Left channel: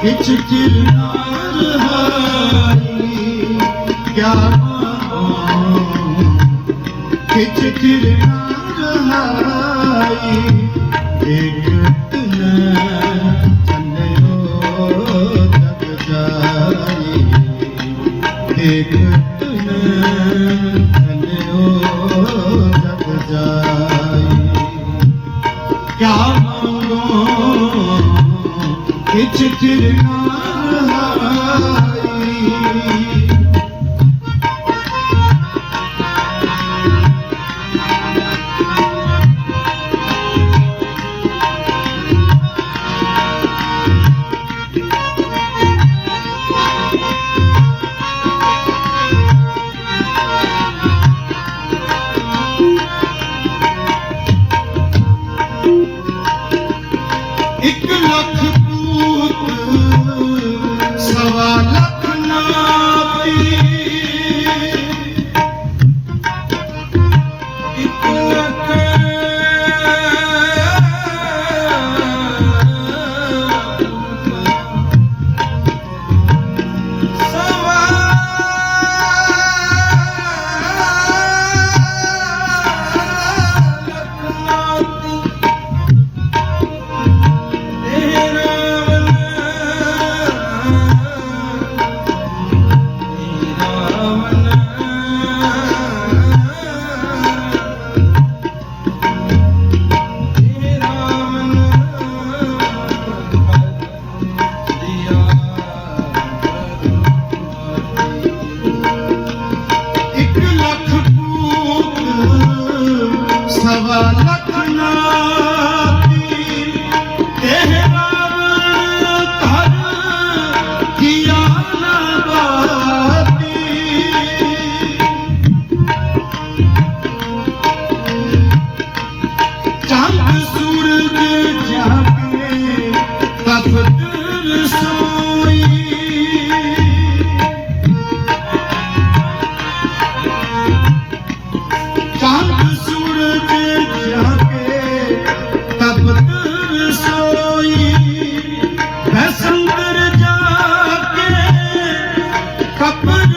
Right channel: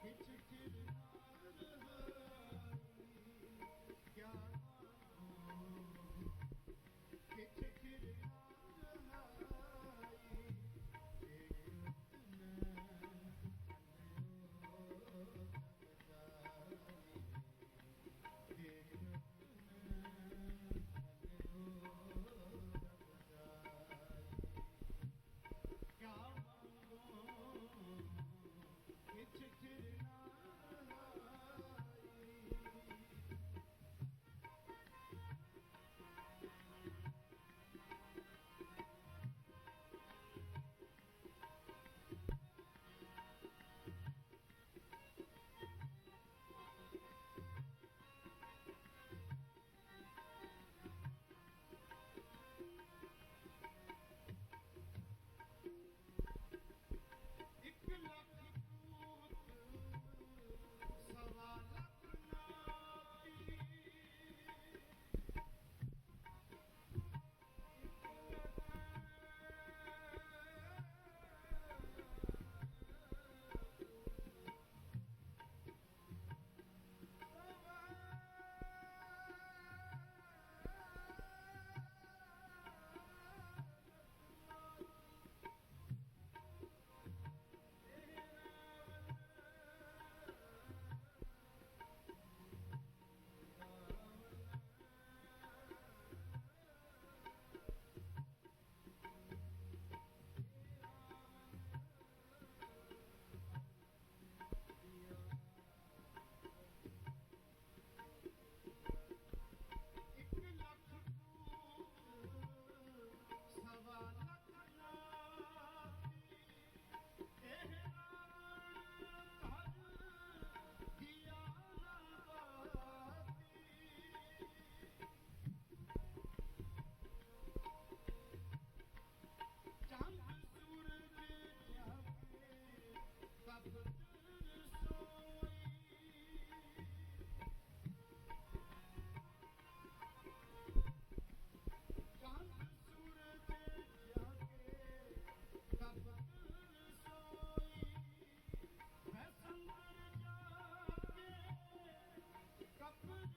ਕਿਛ ਕਿਰਨਾਰ ਹਾਰੀ ਕਿਆ ਕਿਛ ਕਿਰਨਾਰ ਹਾਰੀ ਇੱਕ ਇੱਕ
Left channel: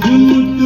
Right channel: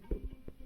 do do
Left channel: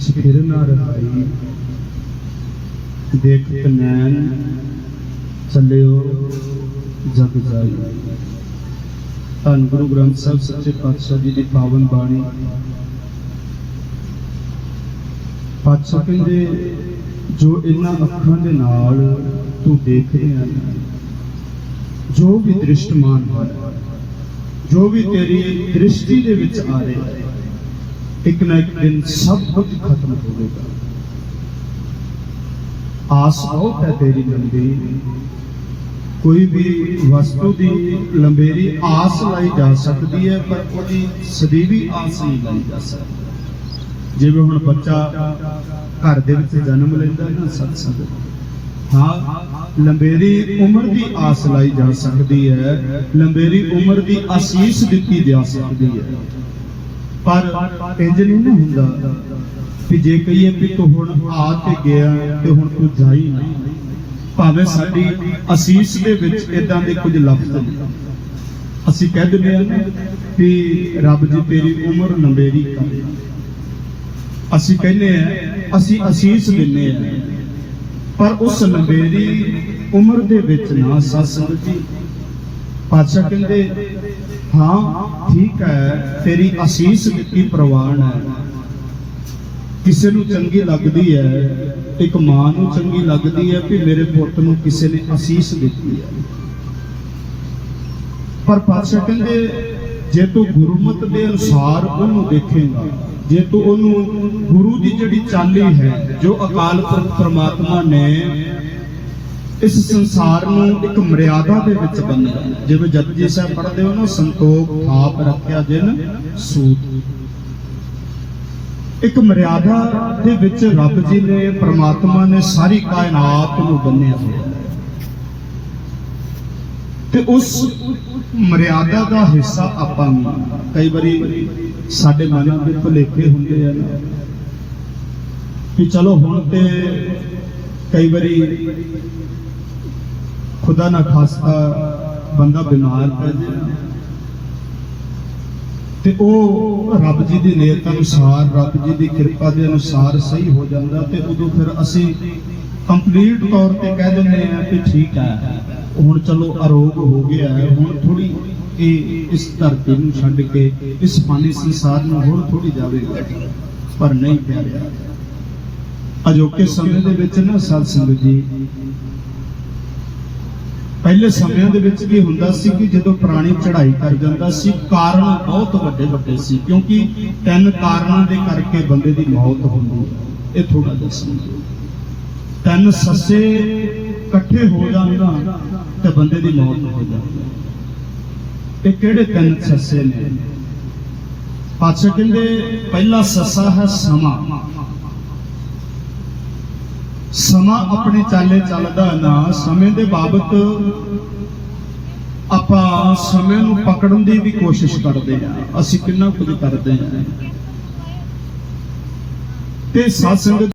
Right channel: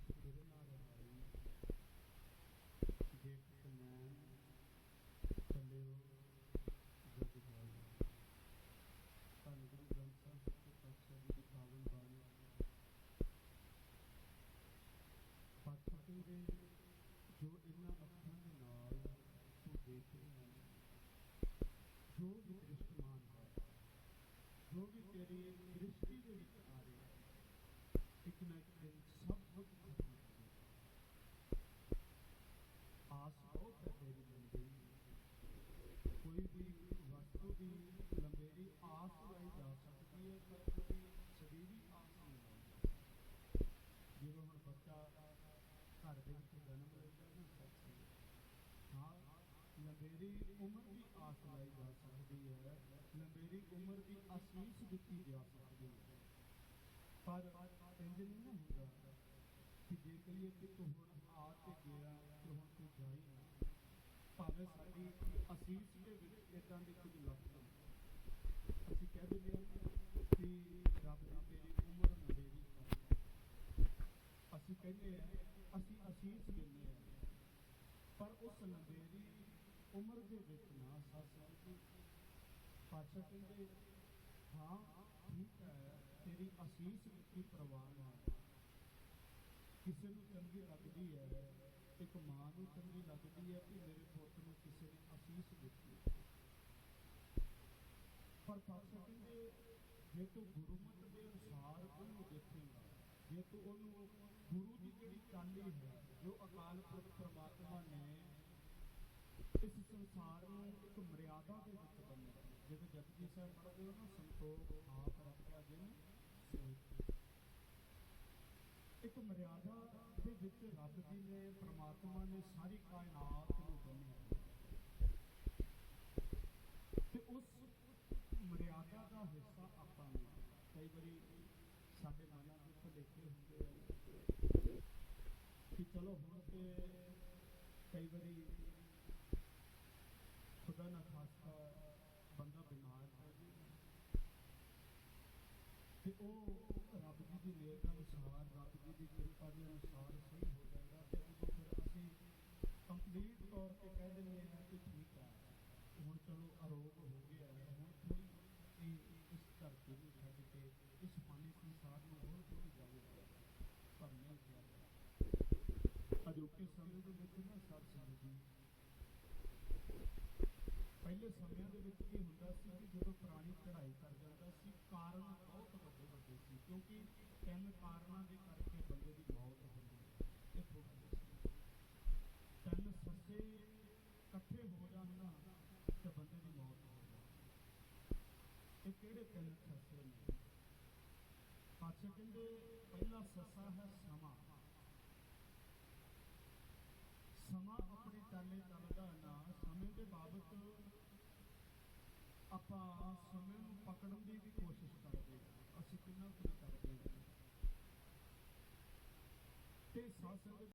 ਕਿਛ ਫਿਰ ਨਾ ਰਹਾਈ ਦੇਖਤ ਨੈਣ ਚੱਲਿਓ, ਜਗ ਜਾਈ। ਧੰਨ ਗੁਰੂ ਗ੍ਰੰਥ ਸਾਹਿਬ, ਸੱਚੇ ਪਾਤਸ਼ਾਹ ਜੀ ਦੀ ਪਾਵਨ ਬਾਣੀ। ਪਾਤਸ਼ਾਹ ਕਹਿੰਦੇ, ਜੋ ਇਹਨਾਂ ਅੱਖਾਂ ਦੇ ਨਾਲ ਤੂੰ ਦੇਖ ਰਿਹਾ ਹੈ ਜੋ ਵੀ ਦ੍ਰਿਸ਼ਟਮਾਨ ਹੈ ਜੋ ਵੀ ਤੇਰੀ ਦ੍ਰਿਸ਼ਟੀ ਦੇ ਵਿੱਚ ਆ ਰਿਹਾ ਹੈ ਇੱਕ ਨਾ ਇੱਕ ਦਿਨ ਸਭ ਕੁਝ ਖਤਮ ਹੋਵੇਗਾ। ਆਸ ਬਹੁਤ ਹੈ ਤੇਰੀ ਲੰਬੀ। ਕੋਈ ਵੀ ਵਸਤੂ ਦੀ ਲੰਬੇਰੀ ਆਸ ਲਾਈ ਜਾ ਸਕਦੀ ਹੈ, ਪਰ ਉਹਦੀ ਸਦੀਵੀ ਆਸ ਨਹੀਂ ਲਾਈ ਜਾ ਸਕਦੀ। ਜਿਵੇਂ ਹੁਣ ਬੱਚਾ ਘਰ ਦੇ ਵਿੱਚ ਜਨਮ ਲੈਂਦਾ ਹੈ ਨਾ ਸਤਸੰਗ। ਹਾਂ, ਲੰਬੇਰੀ ਉਮਰ ਦੀ ਆਸ ਲਾਈ ਜਾ ਸਕਦੀ ਹੈ, ਲੰਬੇਰੀ ਉਮਰ ਦੀ ਆਸੀਸ ਦਿੱਤੀ ਜਾ ਸਕਦੀ ਹੈ। ਪਰ ਇੰਜ ਨਹੀਂ ਨਾ ਹੁੰਦਾ ਕਿ ਜੇ ਕਹੀਏ ਵੀ ਤੂੰ ਹੁਣ ਆ ਤੇ ਗਿਆ ਤੇ ਹੁਣ ਤੂੰ ਜਾਈ ਨਾ। ਭਾਵੇਂ ਸਾਡੀ ਅਸੀਸ ਦੇ ਵਿੱਚ ਇਦਾਂ ਦੇ ਕੁਝ ਲਫ਼ਜ਼ ਨੇ। ਅਸੀਂ ਕਹਿ ਦਿੰਦੇ ਹਾਂ ਨਾ ਰੱਬ ਜੀ ਤੇਰੀ ਉਮਰ ਲੰਬੇਰੀ ਕਰੇ। ਅਸੀਂ ਕਹਿੰਦੇ ਆ ਅਸੀਂ ਅਸੀਸ ਦਿੰਦੇ ਆ ਪਰ ਉਸ ਲੰਬੇਰੀ ਉਮਰ ਦੇ ਵਿੱਚ ਨਾ ਸਤਸੰਗ ਜੀ ਪਾਤਸ਼ਾਹ ਕਹਿੰਦੇ ਹਾਂ, ਠੀਕ ਹੈ, ਤੇਰੀ ਅਸੀਸ ਦਿੱਤੀ ਪ੍ਰਵਾਨ ਹੈ। ਕਿਸੇ ਨੂੰ ਚੰਗੀ ਲੱਗਦੀ ਹੈ, ਇੱਕ ਮਾਂ ਨੂੰ ਚੰਗੀ ਲੱਗਦੀ ਹੈ ਕਿ ਮੇਰੇ ਪੁੱਤ ਨੂੰ ਕਿਸੇ ਨੇ ਅਸੀਸ ਦਿੱਤੀ ਹੈ। ਪਰ ਪਾਤਸ਼ਾਹ ਕਹਿੰਦੇ, ਜੇ ਤੂੰ ਗੁਰਮਤ ਦੇ ਅਨੁਸਾਰ ਉਹਨੂੰ ਦੇਖੇਗਾ, ਜੇ ਤੂੰ ਉਹਨੂੰ ਗੁਰੂ ਦੀ ਜਿਹੜੀ ਚਾਲੀ ਹੈ, ਜੋ ਅਕਾਲ ਪੁਰਖ ਪ੍ਰਮਾਤਮਾ ਨੇ ਇਸ ਸੰਸਾਰ ਨੂੰ ਇੱਕ ਮਰਿਆਦਾ ਦੇ ਵਿੱਚ ਬੰਨਿਆ ਜਿਵੇਂ ਜਪਜੀ ਸਾਹਿਬ ਪੜ੍ਹਦੇ ਹੋ ਨਾ, ਸੰਤੋਖ ਆਪ ਰੱਖਿਆ ਜਿਨ, ਸੂਤ। ਇੱਕ ਮਰਿਆਦਾ ਦੇ ਵਿੱਚ ਰੱਬ ਜੀ ਨੇ, ਪ੍ਰਮਾਤਮਾ ਨੇ ਸਾਰੀ ਕਾਇਨਾਤ ਨੂੰ ਬੰਨਿਆ ਹੋਇਆ ਤੇ ਉਸ ਮਰਿਆਦਾ ਦਾ ਹਿੱਸਾ ਆਪਾਂ ਨੂੰ ਕਈ ਵਾਰੀ ਸਾਡੇ ਮਨਾਂ ਦੇ ਭੁਲੇਖੇ ਹੁੰਦੇ ਆ ਕਿ ਚਲੋ ਹੁਣ ਤੇ ਕਈ ਵਾਰੀ ਖੁਦਾ ਨਾ ਖਾਸਤਾ ਬੰਦਾ ਬਿਮਾਰ ਪੈ ਜਾਏ ਤੇ ਉਹ ਰੱਬ ਜੀ ਦੀ ਨੇਤ ਅਨੁਸਾਰ, ਰੱਬ ਜੀ ਦੀ ਕਿਰਪਾ ਦੇ ਅਨੁਸਾਰ ਸਹੀ ਹੋ ਜਾਂਦਾ ਤੇ ਉਦੋਂ ਫਿਰ ਅਸੀਂ ਕੰਪਲੀਟ ਤੌਰ ਤੇ ਕਹਿ ਦਿੰਦੇ ਆ ਕਿ ਠੀਕ ਹੈ। ਹੁਣ ਚਲੋ ਅਰੋਗ ਹੋ ਗਿਆ ਹੈ, ਹੁਣ ਥੋੜੀ ਇਹ ਇਸ ਧਰਤੀ ਨੂੰ ਛੱਡ ਕੇ, ਇਸ ਪਾਣੀ ਸੰਸਾਰ ਨੂੰ ਹੋਰ ਥੋੜੀ ਜਾਵੇਗਾ। ਪਰ ਨਹੀਂ ਪਿਆਰਿਆ। ਅਜੋਕੇ ਸਮੇਂ ਦੇ ਵਿੱਚ ਨਾ ਸਤ ਸੰਗਤ ਜੀ ਪਹਿਲੇ ਸਮਿਆਂ ਦੇ ਵਿੱਚ ਕੀ ਹੁੰਦਾ ਸੀ ਕਿ ਜਦੋਂ ਪ੍ਰਾਣੀ ਚੜ੍ਹਾਈ ਕਰ ਜਾਂਦਾ ਸੀ, ਕਾਰਨ ਬਹੁਤ ਵੱਡੇ ਵੱਡੇ ਸੀ, ਕਿਉਂਕਿ ਤਿੰਨ ਕਾਰਨਾਂ ਦੇ ਕਰਕੇ ਬੰਦੇ ਦੀ ਮੌਤ ਹੁੰਦੀ ਇਹ ਥੋੜਾ ਜਿਹਾ ਤਿੰਨ ਸੱਸੇ ਇਕੱਠੇ ਹੋ ਜਾਣ ਤੇ ਬੰਦੇ ਦੀ ਮੌਤ ਹੋ ਜਾਂਦੀ ਇਹ ਕਿਹੜੇ ਤਿੰਨ ਸੱਸੇ ਨੇ? ਪਾਤਸ਼ਾਹ ਕਹਿੰਦੇ, ਪਹਿਲਾ ਸੱਸਾ ਹੈ ਸਮਾਂ। ਸਮਾਂ ਆਪਣੇ ਚਾਲੇ ਚੱਲਦਾ ਨਾ, ਸਮੇਂ ਦੇ ਬਾਬਤ ਆਪਾਂ ਸਮੇਂ ਨੂੰ ਪਕੜਨ ਦੀ ਵੀ ਕੋਸ਼ਿਸ਼ ਕਰਦੇ ਆ ਅਸੀਂ ਕਿੰਨਾ ਕੁਝ ਕਰਦੇ ਆ ਤੇ ਸਤਸੰਗ